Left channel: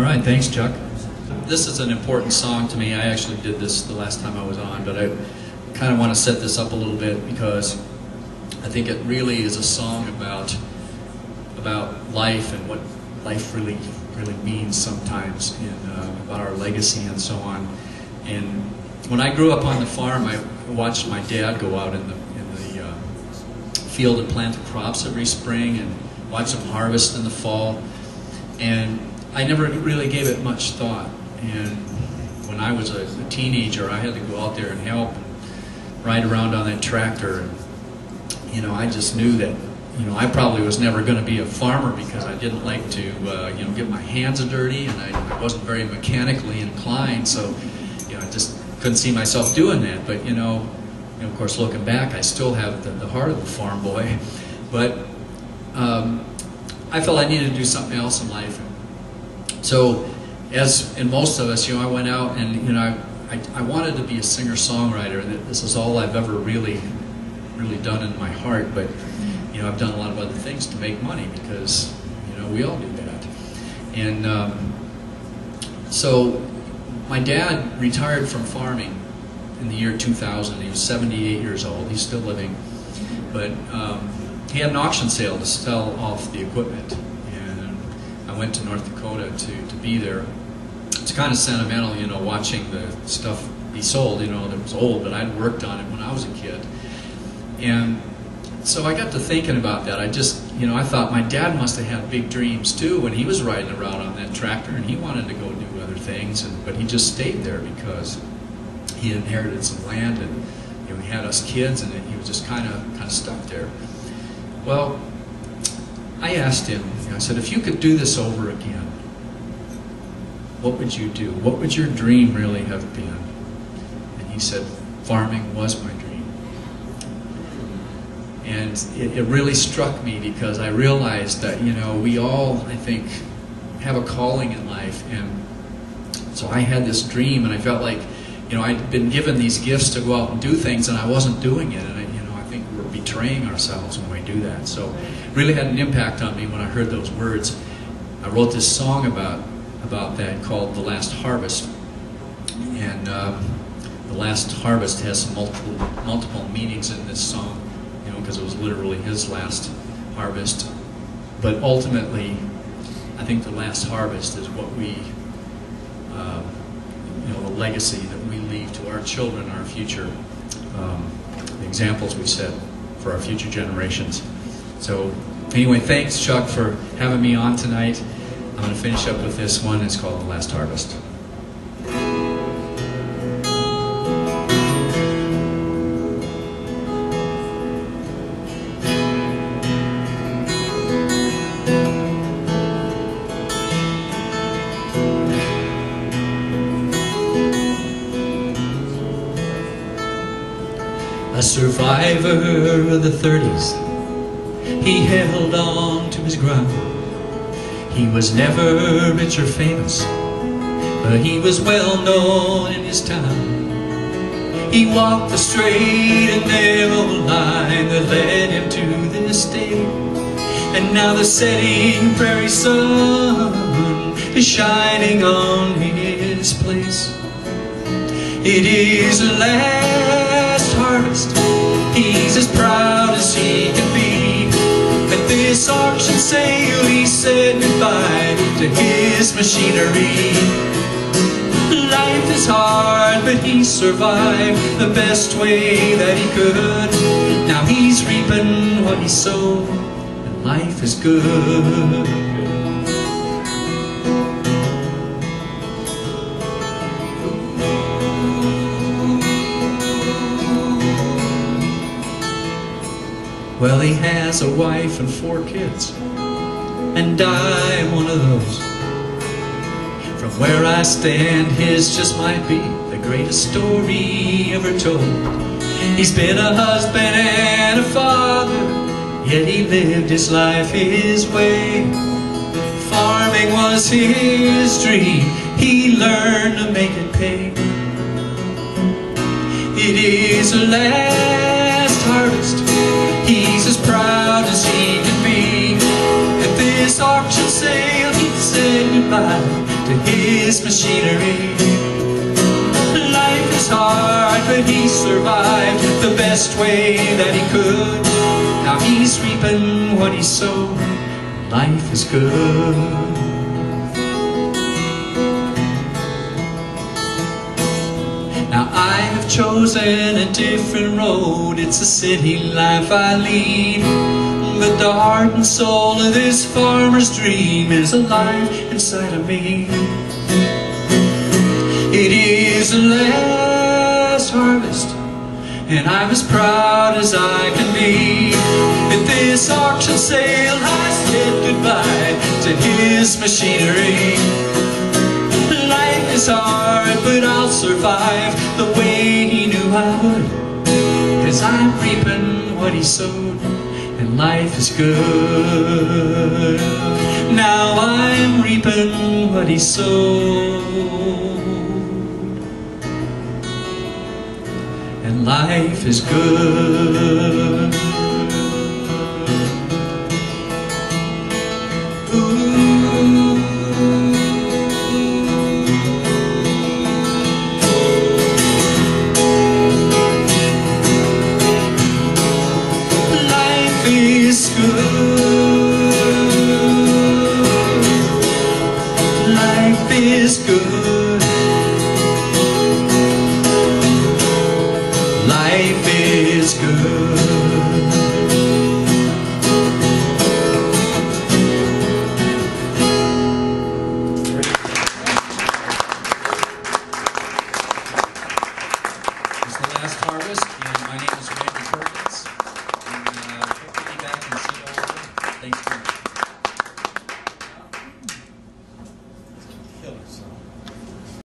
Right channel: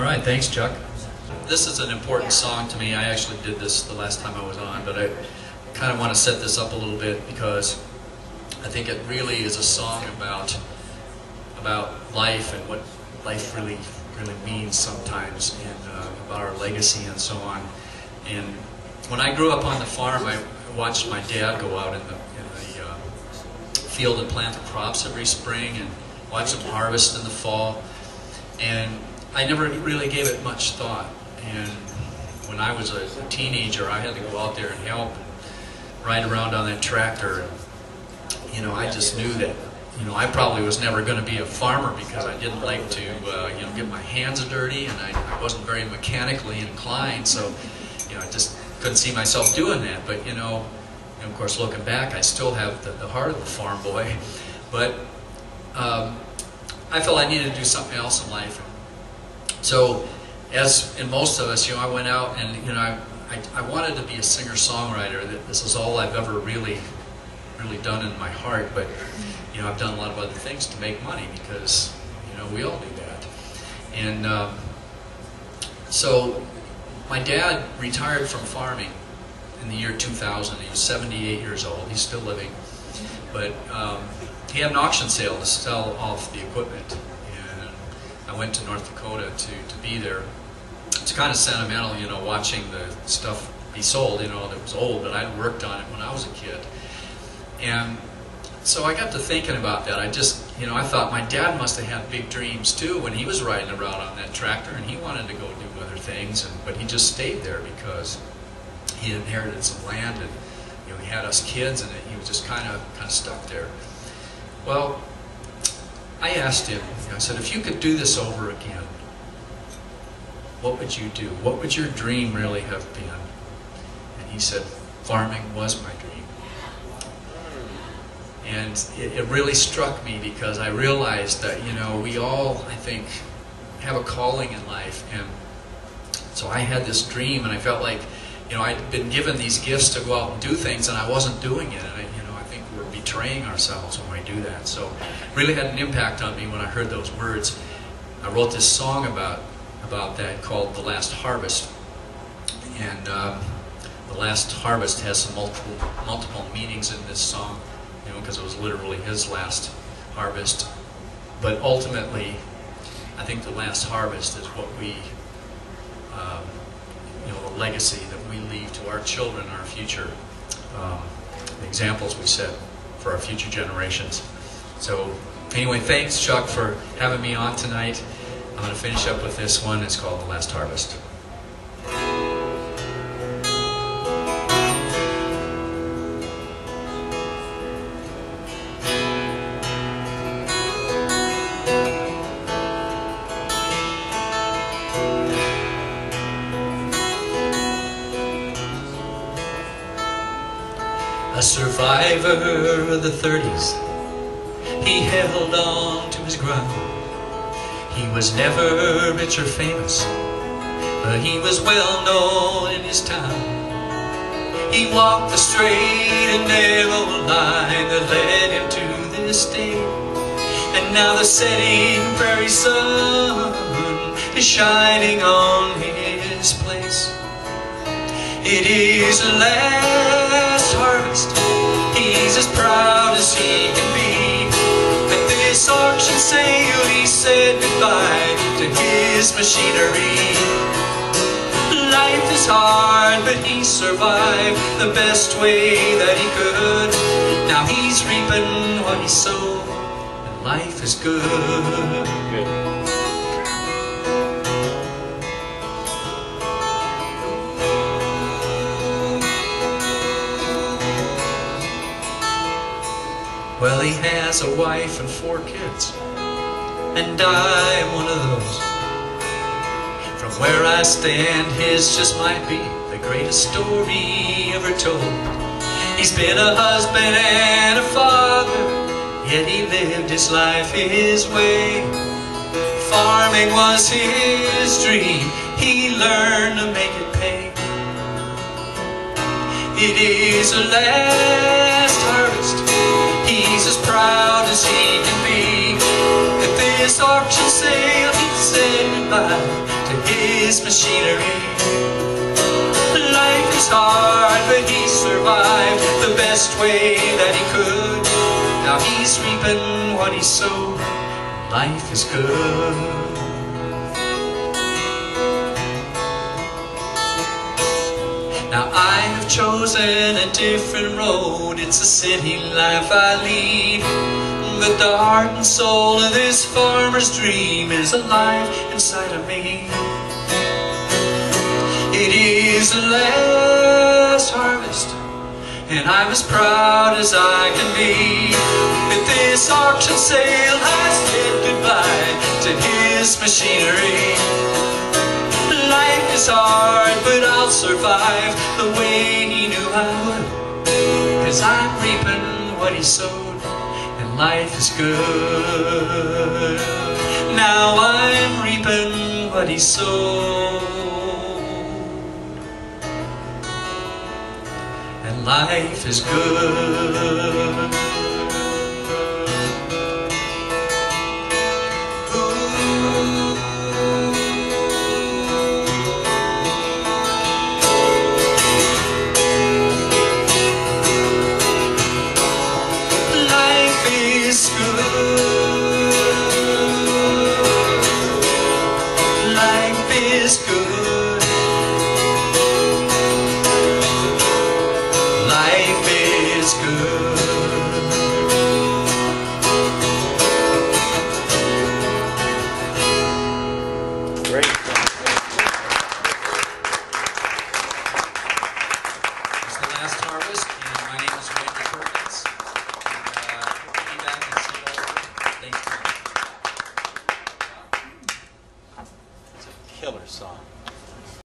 All right, thanks, Chuck. This is an important song to me. I actually did this the last time I was on, but I kind of want to set this up a little bit because I think it really is a song about life and what life really means sometimes, and about our legacy and so on. And when I grew up on the farm, I watched my dad go out in the field and plant the crops every spring and watch them harvest in the fall. And I never really gave it much thought. And when I was a teenager, I had to go out there and help and ride around on that tractor. And, you know, I just knew that, you know, I probably was never going to be a farmer because I didn't like to, you know, get my hands dirty, and I wasn't very mechanically inclined. So, you know, I just couldn't see myself doing that. But, you know, of course, looking back, I still have the heart of a farm boy. But I felt I needed to do something else in life. So, as in most of us, you know, I went out and, you know, I wanted to be a singer-songwriter. This is all I've ever really done in my heart. But, you know, I've done a lot of other things to make money because, you know, we all do that. And so, my dad retired from farming in the year 2000. He was 78 years old. He's still living. But he had an auction sale to sell off the equipment. And I went to North Dakota to be there. It's kind of sentimental, you know, watching the stuff be sold. You know, it was old, but I'd worked on it when I was a kid. And so I got to thinking about that. I just, you know, I thought my dad must have had big dreams too when he was riding around on that tractor, and he wanted to go do other things, but he just stayed there because he inherited some land, and, you know, he had us kids, and he was just kind of stuck there. Well, I asked him, you know, I said, if you could do this over again, what would you do? What would your dream really have been? And he said, farming was my dream. And it really struck me because I realized that, you know, we all, I think, have a calling in life. And so I had this dream, and I felt like, you know, I'd been given these gifts to go out and do things, and I wasn't doing it. And, you know, I think we're betraying ourselves when we do that. So it really had an impact on me when I heard those words. I wrote this song about that called The Last Harvest. And The Last Harvest has some multiple meanings in this song, you know, because it was literally his last harvest. But ultimately, I think the last harvest is what we, you know, the legacy that we leave to our children, our future, the examples we set for our future generations. So anyway, thanks, Chuck, for having me on tonight. I'm going to finish up with this one. It's called The Last Harvest. A survivor of the 30s, he held on to his ground. He was never rich or famous, but he was well known in his town. He walked the straight and narrow line that led him to this day. And now the setting prairie sun is shining on his place. It is the last harvest. He's as proud as he can be. At this auction sale he said goodbye to his machinery. Life is hard, but he survived the best way that he could. Now he's reaping what he sowed, and life is good. Well, he has a wife and 4 kids, and I am one of those. From where I stand, his just might be the greatest story ever told. He's been a husband and a father, yet he lived his life his way. Farming was his dream, he learned to make it pay. It is the last harvest. He's as proud as he can be. At this auction sale he said goodbye to his machinery. Life is hard, but he survived the best way that he could. Now he's reaping what he sowed. Life is good. Now I have chosen a different road. It's a city life I lead, but the heart and soul of this farmer's dream is alive inside of me. It is the last harvest, and I'm as proud as I can be. At this auction sale I said goodbye to his machinery. Life is hard, but I'll survive the way he knew I would, 'cause I'm reaping what he sowed, and life is good. Now I'm reaping what he sowed, and life is good. Life is good. Life is good. Life is good. Great. It's the last harvest, and my name is Randi Perkins. And we'll be back and see you all later. Thanks very much. Killer song.